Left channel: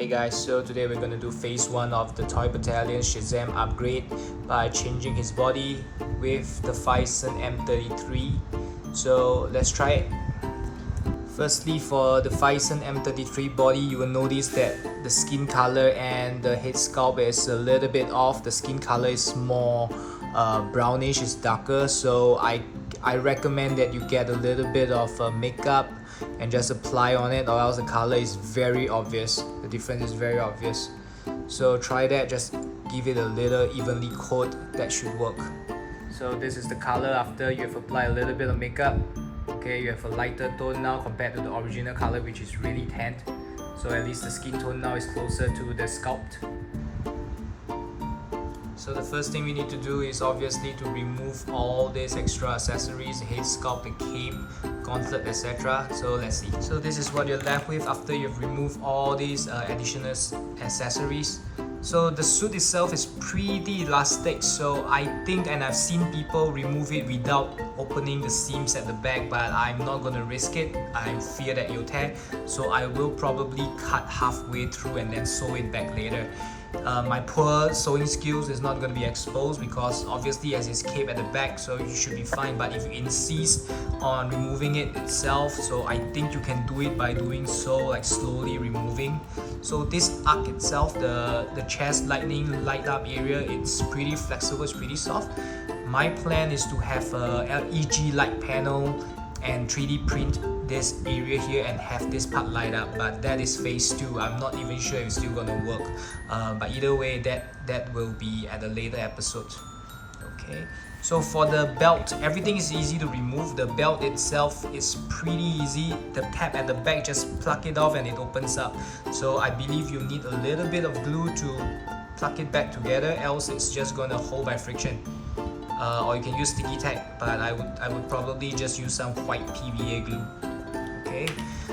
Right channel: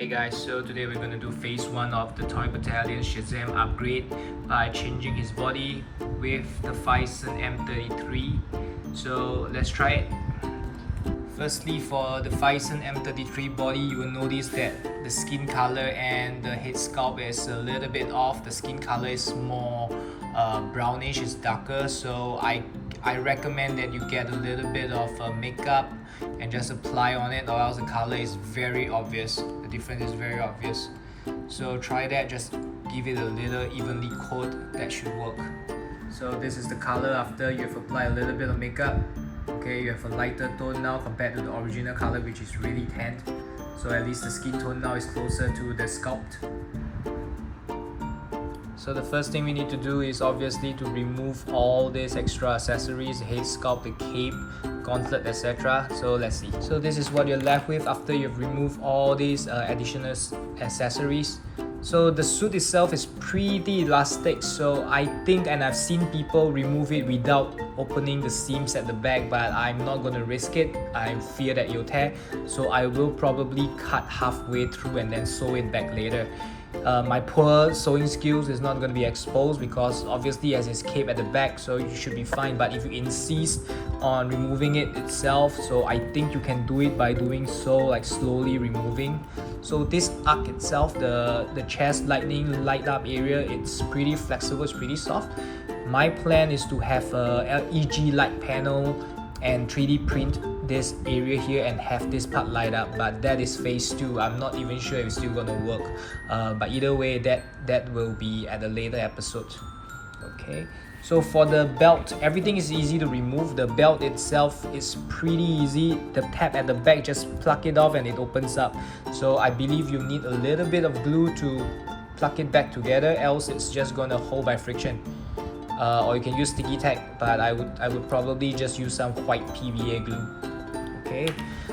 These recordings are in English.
Hey guys, so today we're going to do phase 1 of the Toys Battalion Shazam upgrade by changing his body with the Phicen M33. So let's try it. Firstly, for the Phicen M33 body, you will notice that the skin color and the head sculpt is a little bit off. The skin color is more brownish, it's darker, so I recommend that you get a little bit of makeup and just apply on it, or else the color is very obvious. The difference is very obvious. So try that, just give it a little evenly coat, that should work. So this is the color after you have applied a little bit of makeup. Okay, you have a lighter tone now compared to the original color, which is really tanned. So at least the skin tone now is closer to the sculpt. So the first thing we need to do is obviously to remove all these extra accessories, the head sculpt, the cape, gauntlet, etc. So let's see. So this is what you're left with after you've removed all these additional accessories. So the suit itself is pretty elastic, so I think, and I've seen people remove it without opening the seams at the back, but I'm not going to risk it. I fear that you'll tear, so I will probably cut halfway through and then sew it back later. My poor sewing skills is not going to be exposed because obviously as it's cape at the back, so you should be fine. But if you insist on removing it itself, so I think you can do it by doing so, like slowly removing. So this arc itself, the chest light up area, it's pretty flexible, it's pretty soft. My plan is to have a LED light panel and 3D print this area here and have this part light up, but that is phase 2. I'm not even sure if it's still gonna work, but either way, that will be at a later episode. Okay, so for the belt, everything is easy to remove. The belt itself is pretty easy. The tab at the back, just pluck it off and it opens up. So I believe you need a little bit of glue to plug it back together, else it's just gonna hold by friction. Or you can use sticky tack, but I would probably just use some white PVA glue. Okay,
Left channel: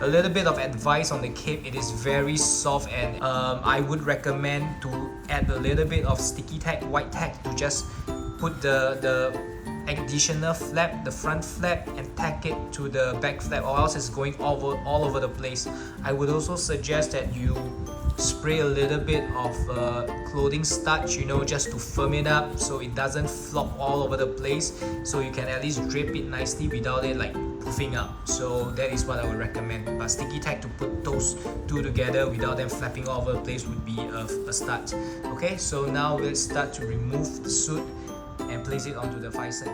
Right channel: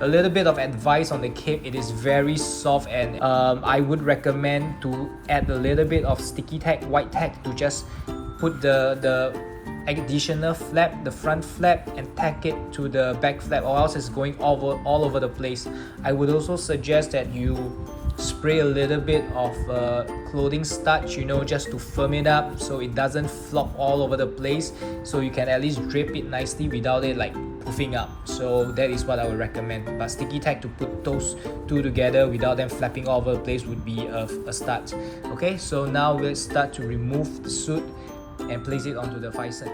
a little bit of advice on the cape, it is very soft, and I would recommend to add a little bit of sticky tack, white tack, to just put the additional flap, the front flap, and tack it to the back flap, or else it's going all over the place. I would also suggest that you spray a little bit of clothing starch, just to firm it up so it doesn't flop all over the place, so you can at least drape it nicely without it like puffing up. So that is what I would recommend. But sticky tack to put those two together without them flapping all over the place would be a start. Okay, so now let's start to remove the suit and place it onto the Phicen.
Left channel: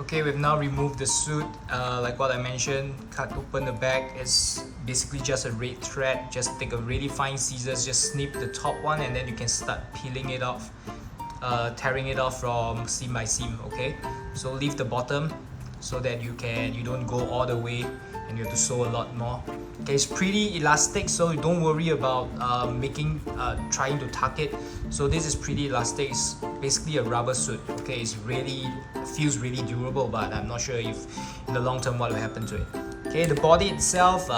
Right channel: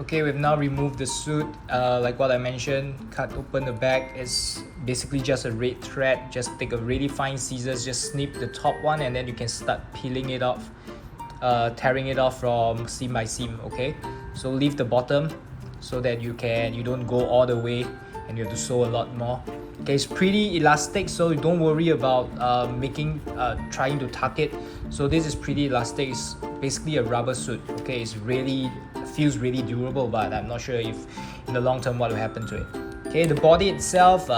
Okay, we've now removed the suit. Like what I mentioned, cut open the back. It's basically just a red thread. Just take a really fine scissors, just snip the top one, and then you can start peeling it off, tearing it off from seam by seam. Okay, so leave the bottom so that you don't go all the way and you have to sew a lot more. Okay, it's pretty elastic, so don't worry about trying to tuck it. So this is pretty elastic. It's basically a rubber suit. Okay, feels really durable, but I'm not sure if in the long term what will happen to it. Okay, the body itself,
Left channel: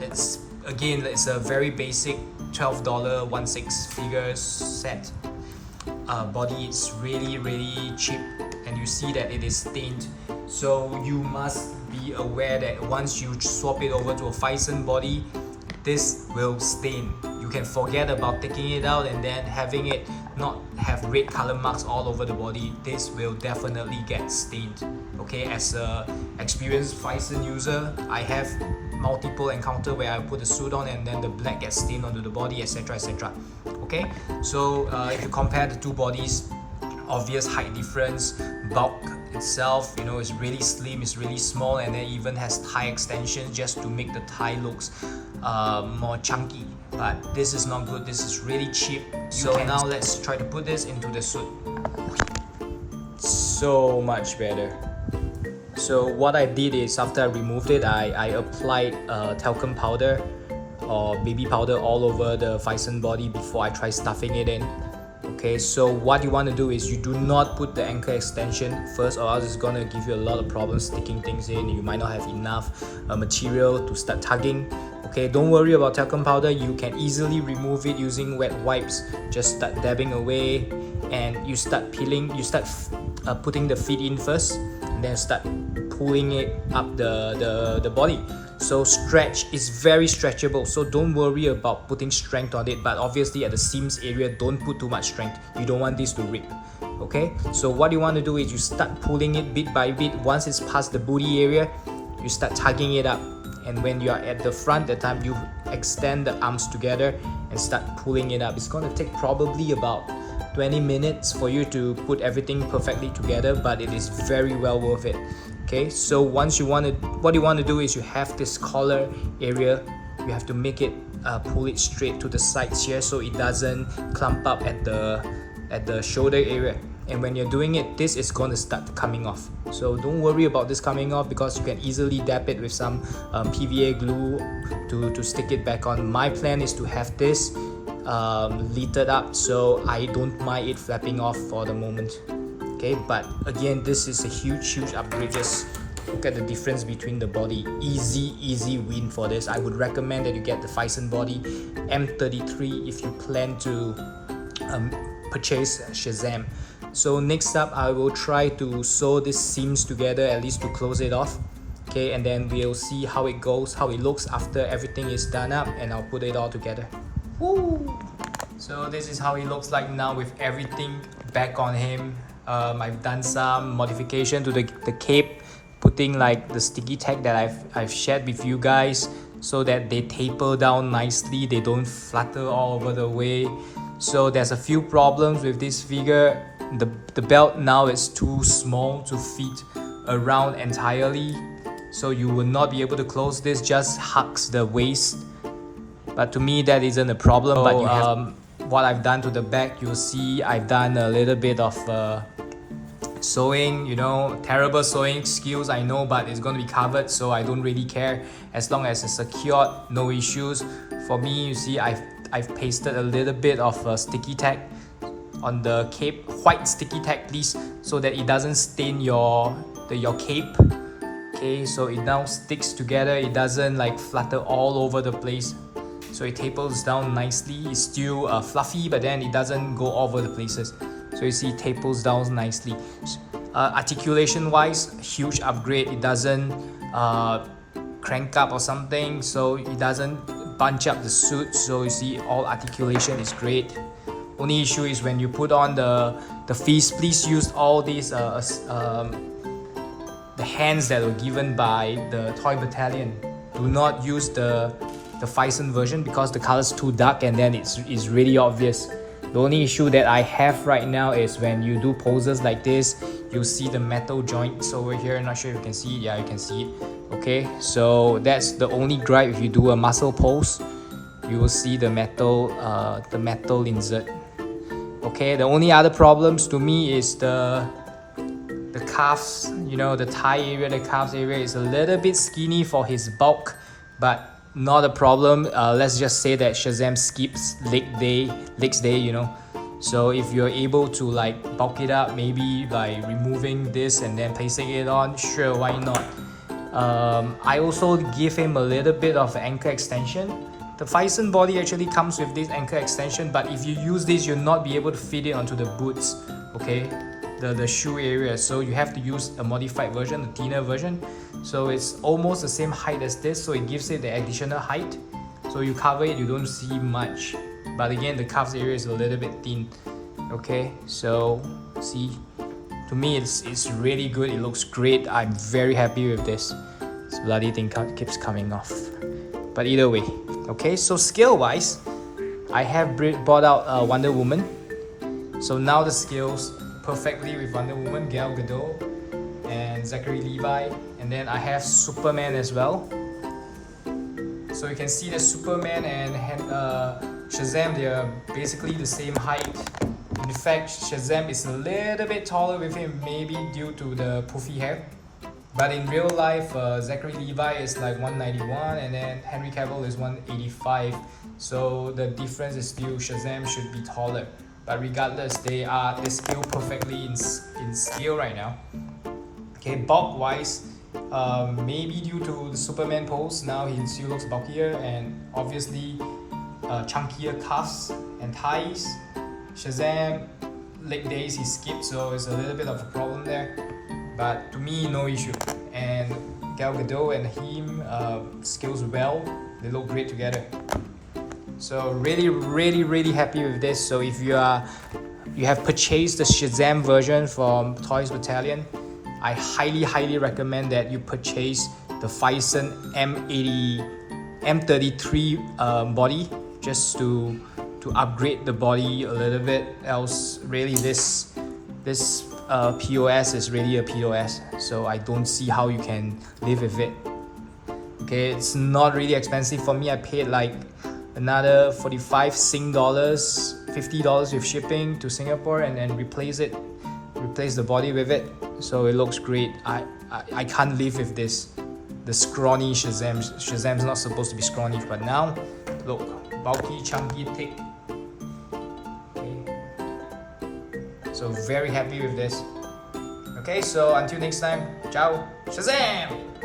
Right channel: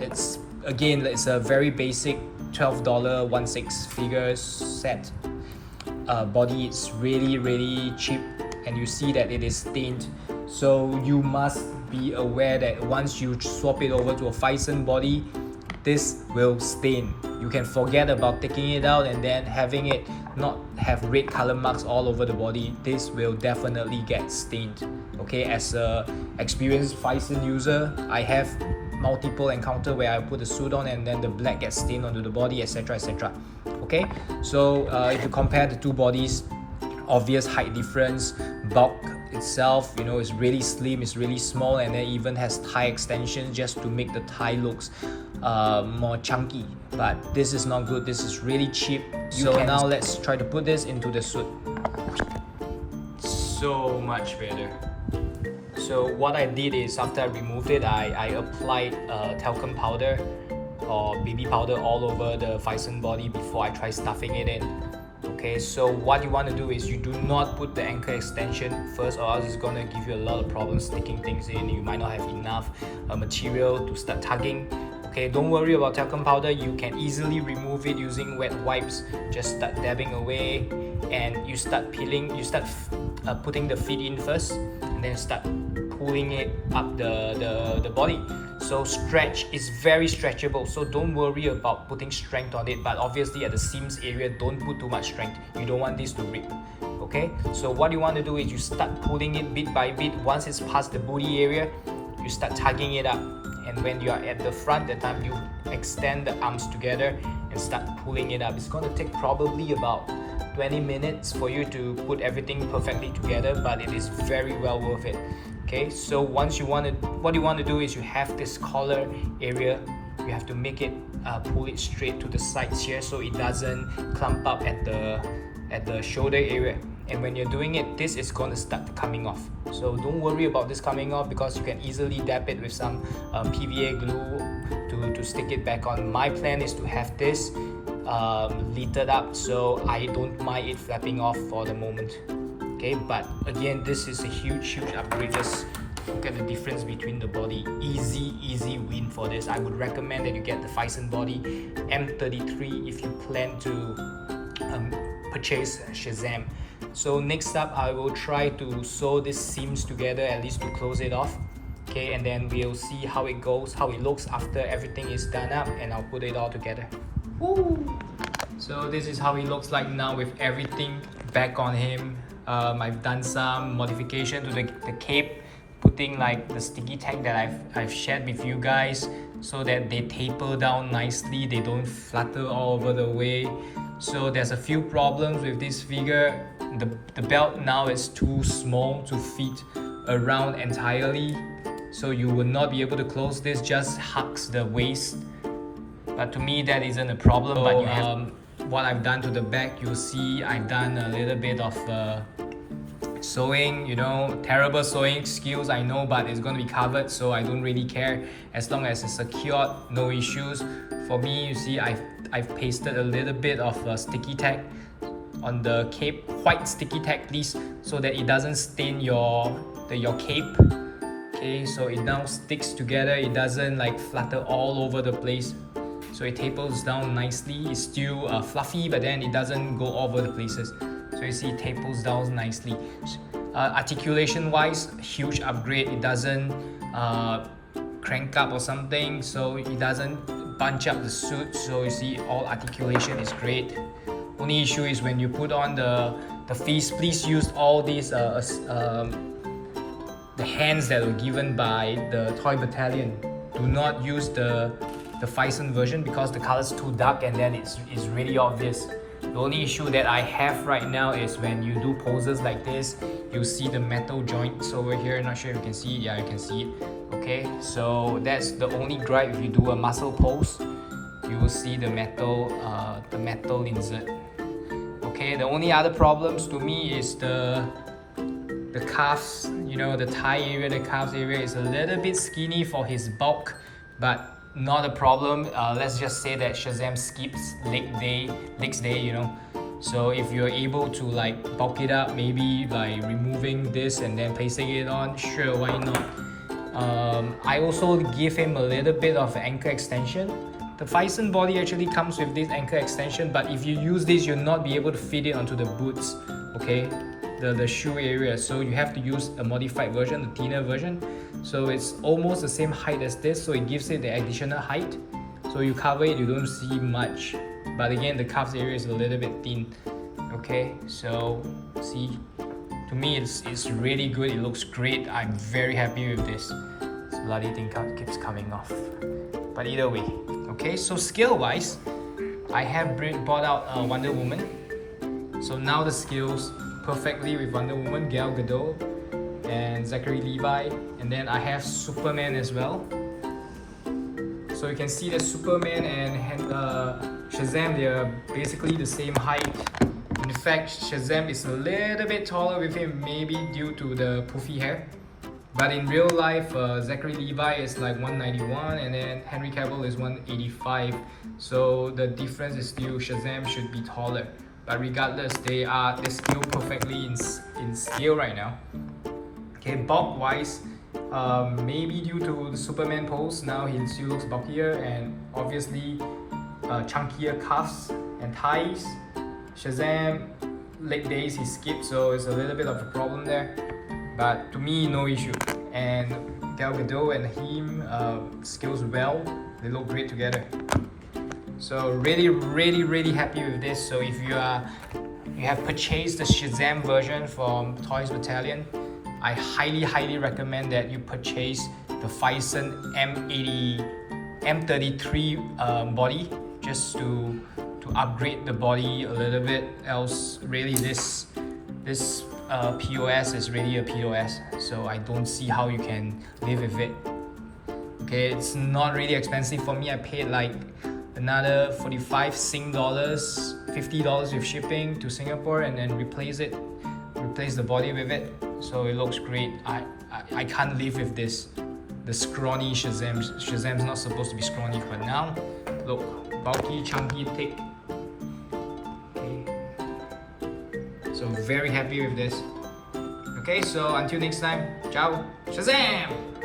it's a very basic $12 1/6 figure set body. It's really cheap, and you see that it is stained. So you must be aware that once you swap it over to a Phicen body, this will stain. You can forget about taking it out and then having it not have red color marks all over the body. This will definitely get stained. Okay, as a experienced Phicen user, I have multiple encounter where I put the suit on and then the black gets stained onto the body, etc. Okay, so if you compare the two bodies, obvious height difference, bulk itself, is really slim, it's really small, and then even has thigh extensions just to make the thigh looks more chunky. But this is not good. This is really cheap. So now let's try to put this into the suit. So much better. So what I did is, after I removed it, I applied talcum powder or baby powder all over the Phicen body before I try stuffing it in. Okay, so what you want to do is you do not put the ankle extension first, or else it's gonna give you a lot of problems sticking things in. You might not have enough material to start tugging. Okay, don't worry about talcum powder. You can easily remove it using wet wipes. Just start dabbing away, and you start peeling. You start putting the feet in first, and then start pulling it up the body. So stretch is very stretchable, so don't worry about putting strength on it, but obviously at the seams area, don't put too much strength. You don't want this to rip. Okay, so what you want to do is you start pulling it bit by bit. Once it's past the booty area, you start tugging it up, and when you are at the front, that time you extend the arms together and start pulling it up. It's going to take probably about 20 minutes for you to put everything perfectly together, but it is very well worth it. Okay, so once what you want to do is you have this collar area, you have to make it pull it straight to the sides here so it doesn't clump up at the shoulder area. And when you're doing it, this is going to start coming off. So don't worry about this coming off, because you can easily dab it with some PVA glue to stick it back on. My plan is to have this littered up, so I don't mind it flapping off for the moment. Okay, but again, this is a huge upgrade. Just look at the difference between the body. Easy win for this. I would recommend that you get the Phicen body M33 if you plan to purchase Shazam. So next up, I will try to sew these seams together, at least to close it off. Okay, and then we'll see how it goes, how it looks after everything is done up, and I'll put it all together. Woo! So this is how it looks like now with everything back on him. I've done some modification to the cape, putting like the sticky tag that I've shared with you guys, so that they taper down nicely, they don't flutter all over the way. So there's a few problems with this figure. The belt now is too small to fit around entirely, so you will not be able to close this, just hugs the waist. But to me that isn't a problem. But you have what I've done to the back, you'll see I've done a little bit of sewing, you know, terrible sewing skills, I know, but it's going to be covered, so I don't really care. As long as it's secured, no issues. For me, you see I've pasted a little bit of sticky tag on the cape, white sticky tag please, so that it doesn't stain your cape. Okay, so it now sticks together, it doesn't like flutter all over the place, so it tapers down nicely. It's still fluffy, but then it doesn't go all over the places. So you see it tapers down nicely. Articulation wise, huge upgrade. It doesn't crank up or something, so it doesn't bunch up the suit. So you see all articulation is great. Only issue is when you put on the fist, please use all these the hands that were given by the Toys Battalion. Do not use the Phicen version, because the color is too dark and then it's really obvious. The only issue that I have right now is when you do poses like this, you'll see the metal joints over here. Not sure if you can see it. Yeah, you can see it. Okay, so that's the only gripe. If you do a muscle pose, you will see the metal insert. Okay, the only other problems to me is the calves, you know, the thigh area, the calves area is a little bit skinny for his bulk, but not a problem. Let's just say that Shazam skips legs day, you know. So if you're able to like bulk it up, maybe by removing this and then placing it on, sure, why not? I also give him a little bit of ankle extension. The Phicen body actually comes with this ankle extension, but if you use this, you'll not be able to fit it onto the boots, okay? The shoe area, so you have to use a modified version, a thinner version. So it's almost the same height as this, so it gives it the additional height. So you cover it, you don't see much, but again the calves area is a little bit thin. Okay, so see, to me it's really good, it looks great. I'm very happy with this. This bloody thing keeps coming off, but either way. Okay, so scale wise, I have brought out Wonder Woman. So now the scales perfectly with Wonder Woman, Gal Gadot, and Zachary Levi, and then I have Superman as well. So you can see that Superman and Shazam, they are basically the same height. In fact, Shazam is a little bit taller with him, maybe due to the poofy hair. But in real life, Zachary Levi is like 191 and then Henry Cavill is 185. So the difference is still Shazam should be taller. But regardless, they scale perfectly in scale right now. Okay, bulk wise, maybe due to the Superman pose, now he still looks bulkier, and obviously chunkier calves and thighs. Shazam, leg days he skipped, so it's a little bit of a problem there. But to me, no issue. and Gal Gadot and him skills well. They look great together. So really happy with this. So if you have purchased the Shazam version from Toys Battalion, I highly recommend that you purchase the Phicen M33 body, just to upgrade the body a little bit. Else really this POS is really a POS, so I don't see how you can live with it. Okay, it's not really expensive for me. I paid like another 45 Sing dollars, $50 with shipping to Singapore, and then replace the body with it. So it looks great. I can't live with this, the scrawny Shazam. Shazam's not supposed to be scrawny, but now look, bulky, chunky, thick. Okay. So very happy with this. Okay, so until next time, ciao, Shazam!